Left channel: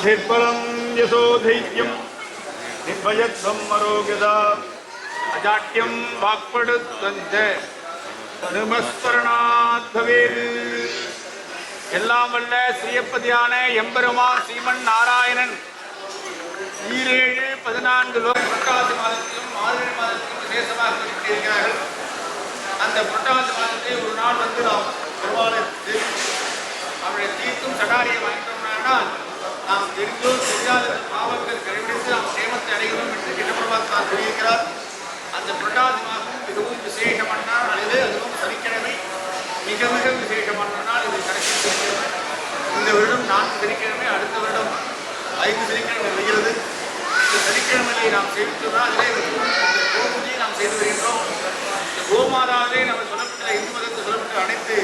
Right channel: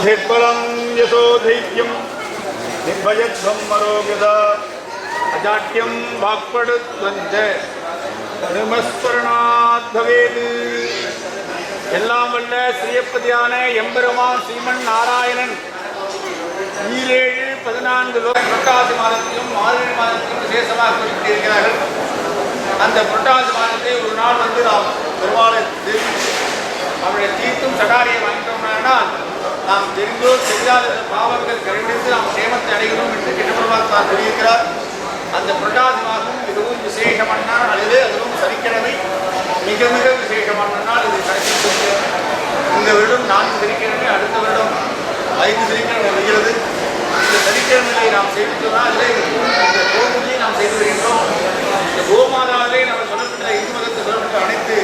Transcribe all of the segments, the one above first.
बुद्धिर्बलं यशोधैर्यं निर्भयत्वं मरोगदा अजाट्यं वाक्पटुत्वञ्च अनुमस्मरणात् भवेत्. எல்லாம் வல்ல ஸ்ரீயப்பதியான எம்பெருமான் ஸ்ரீமன் நாராயணன் 17-14 புரட்டாசி மாதத்திலும் மார்கழி மாதத்திலும் விசேஷமாக குறிப்பிட்டிருக்கிறார்கள். அந்த புரட்டாசி மாதத்தை ஒரு நாள் வந்து நாம் பெருமாளை அவருடைய தீர்த்தும் சடாரியை வாங்கிட்டோம்னால் நாம் தெரிந்தோ தெரியாத பாவங்கள் கடைபிடித்து நாம் சேமத்தை அடைகிறோம் என்று கிருஷ்ணபெருமான் சொல்லியிருக்கிறார். அந்த புரட்டாசி மாதம் மிகவும் விசேஷமான நாள். அதுவும் சனிக்கிழமை மிக மிக விசேஷமான நாள். இது கடைசி சனிக்கிழமை. இந்த வருடம் 4 சனிக்கிழமை, அடுத்த வருடம் 5 சனிக்கிழமை வருகிறது. இந்த சனிக்கிழமையை நாம் சேவித்தோம்னா அதிலே இந்த கோபூஜையை நாம் செய்து வருகின்றோம். இந்த கோமாதாவிலே நம்ம சொல்லப்பட்ட இந்து மதத்தை சொல்லப்பட்ட அனைத்து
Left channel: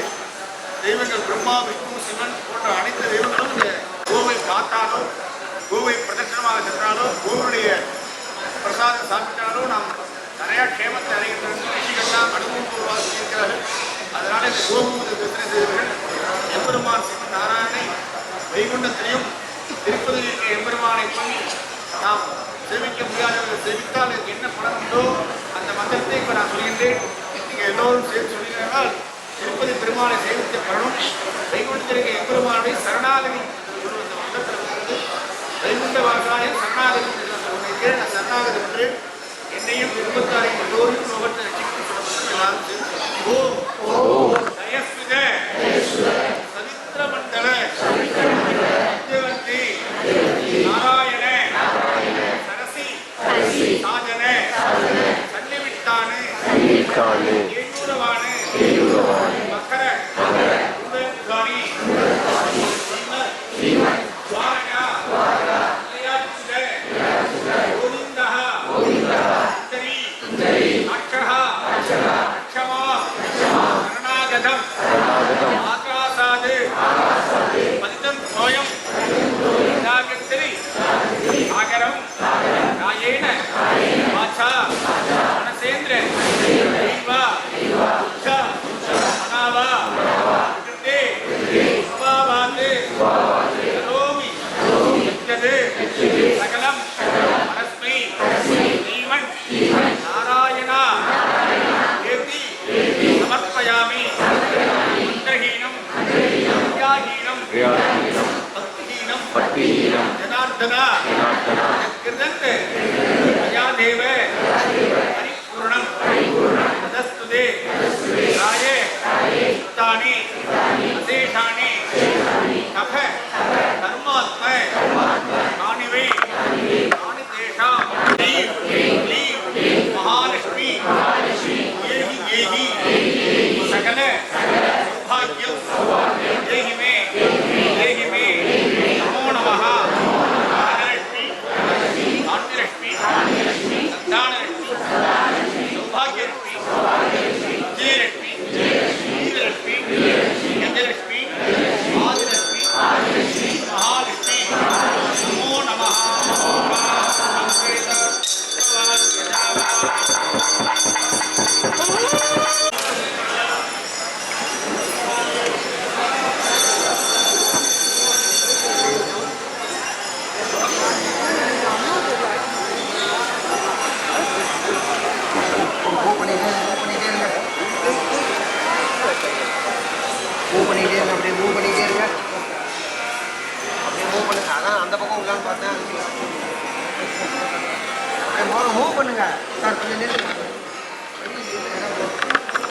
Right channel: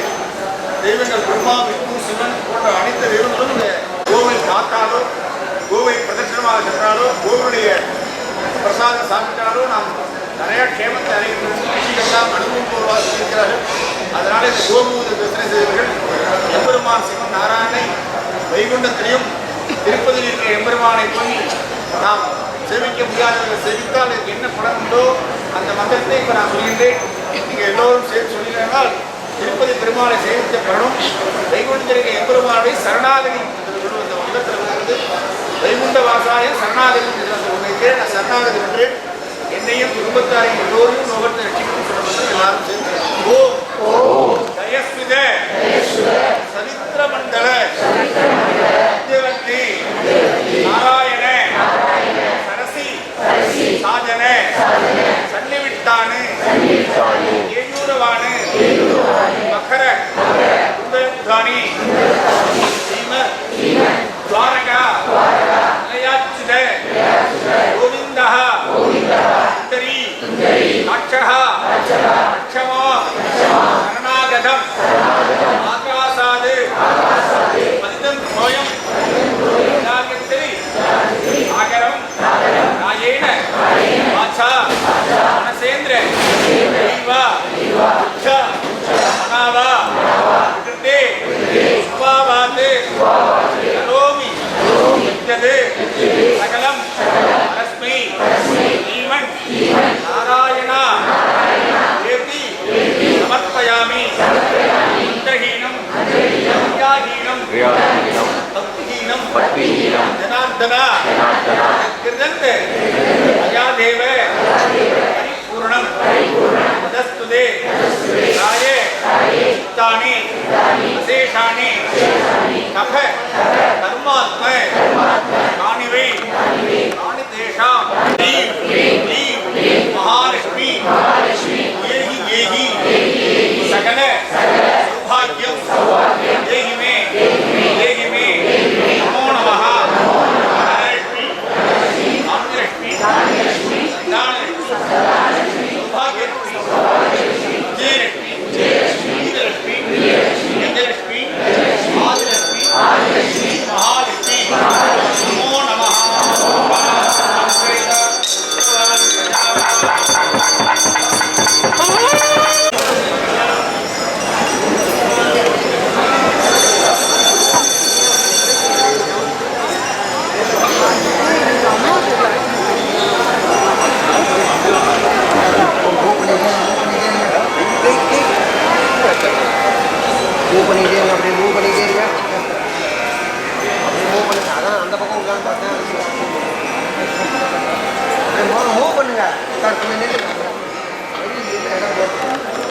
தெய்வங்கள் பிரம்மா, விஷ்ணு, சிவன் போன்ற அனைத்து தெய்வங்களும் இந்த கோவை பார்த்தாலோ, கோவை பிரதட்சணமாக சென்றாலோ, கோவிலுடைய பிரசாதம் சாப்பிட்டாலோ நாம் நிறைய க்ஷேமத்தை அடைகின்ற ரிஷிகள்லாம் அனுபவம் பூர்வமாக சொல்லியிருக்கிறார்கள். அதனால இந்த கோபூஜை தரிசனை செய்தவர்கள் எம்பெருமான் சிவன் நாராயணனை வைகுண்டத்திலையும் திருப்பதியில் இருக்கிற எம்பெருமானை போய் நாம் சேவிக்க முடியாதவர்கள் சேவித்தால் அதுக்கு என்ன பலன் உண்டோ அந்த மந்திரத்தை இப்போ நான் சொல்கின்றேன். நீங்கள் எல்லோரும் சேர்த்து சொல்லினால் திருப்பதி பெருமாளை சேவித்த பலனும் வைகுண்டத்தில் இருக்கிற எம்பெருமானுடைய சரணாகதி அந்த மந்திரத்தில் வருகிறது. வைகுண்ட வாசாய சரணாகதி என்று நான் சரணாகதி என்று என்னையும் குடும்பத்தாரையும் எல்லோரையும் லோகத்தை ரட்சிக்கணும்னு சொல்ல எல்லாரும் சேர்ந்து ஓம் ஜயஸ்மித சரித்திர மண்டல சத்யவந்தி நாராயண சரசி சாஜன சன்னிவிட்டானு ஏயூரவானு மகர குண்டதானி ஸ்ரீம துவாரகா நிலையாச்சித கோவிந்தா சுந்தரி அக்ஷஹா அக்ஷமா சரணாகதம் ஆகாசாது பதிதம் சோயம் நாகத்திரி ஆகரம் ராயேன வாச்சா மனசேந்திர தெய்வா உச்ச மனாவா கிருத்தே சுபாவாது கரோமி யஜ்ஜது சகலம் பரஸ்மை ஸ்ரீமன் நாராயணா தேவி சமர்ப்பயாமி மந்திரஹீனம் வித்யாஹீனம் பக்திஹீனம் ஜனார்தனா கிருதந்த அயாதேவ பரிபூர்ணம் ததஸ்துதே ராயே சித்தானி அசேஷானி கப கர்மாத்ம காணிவை காணி தேஷாம் க்ளீம் மகாலட்சுமி ஏகி ஏகி சகல சௌபாகியம் தேஹி மே நமோ நமः மகாலட்சுமி ஆன்யலட்சுமி சந்தானலட்சுமி சௌபாகியலட்சுமி விஜயலட்சுமி வீரலட்சுமி கஜலட்சுமி ஆதிலட்சுமி மகாலட்சுமி நமோ நமः. மூவ் பண்ணிக்கிட்டே இருங்க, அப்படியே மூவ் பண்ணிக்கிட்டே இருங்க, அப்படியே மூவ் பண்ணுங்க. அதான் அந்த பக்கம் உள்ளான்னு பார்த்தேன். அப்படியே மூவ் பண்ணுங்க சார், கொஞ்சம் நின்று இடம் போட்டு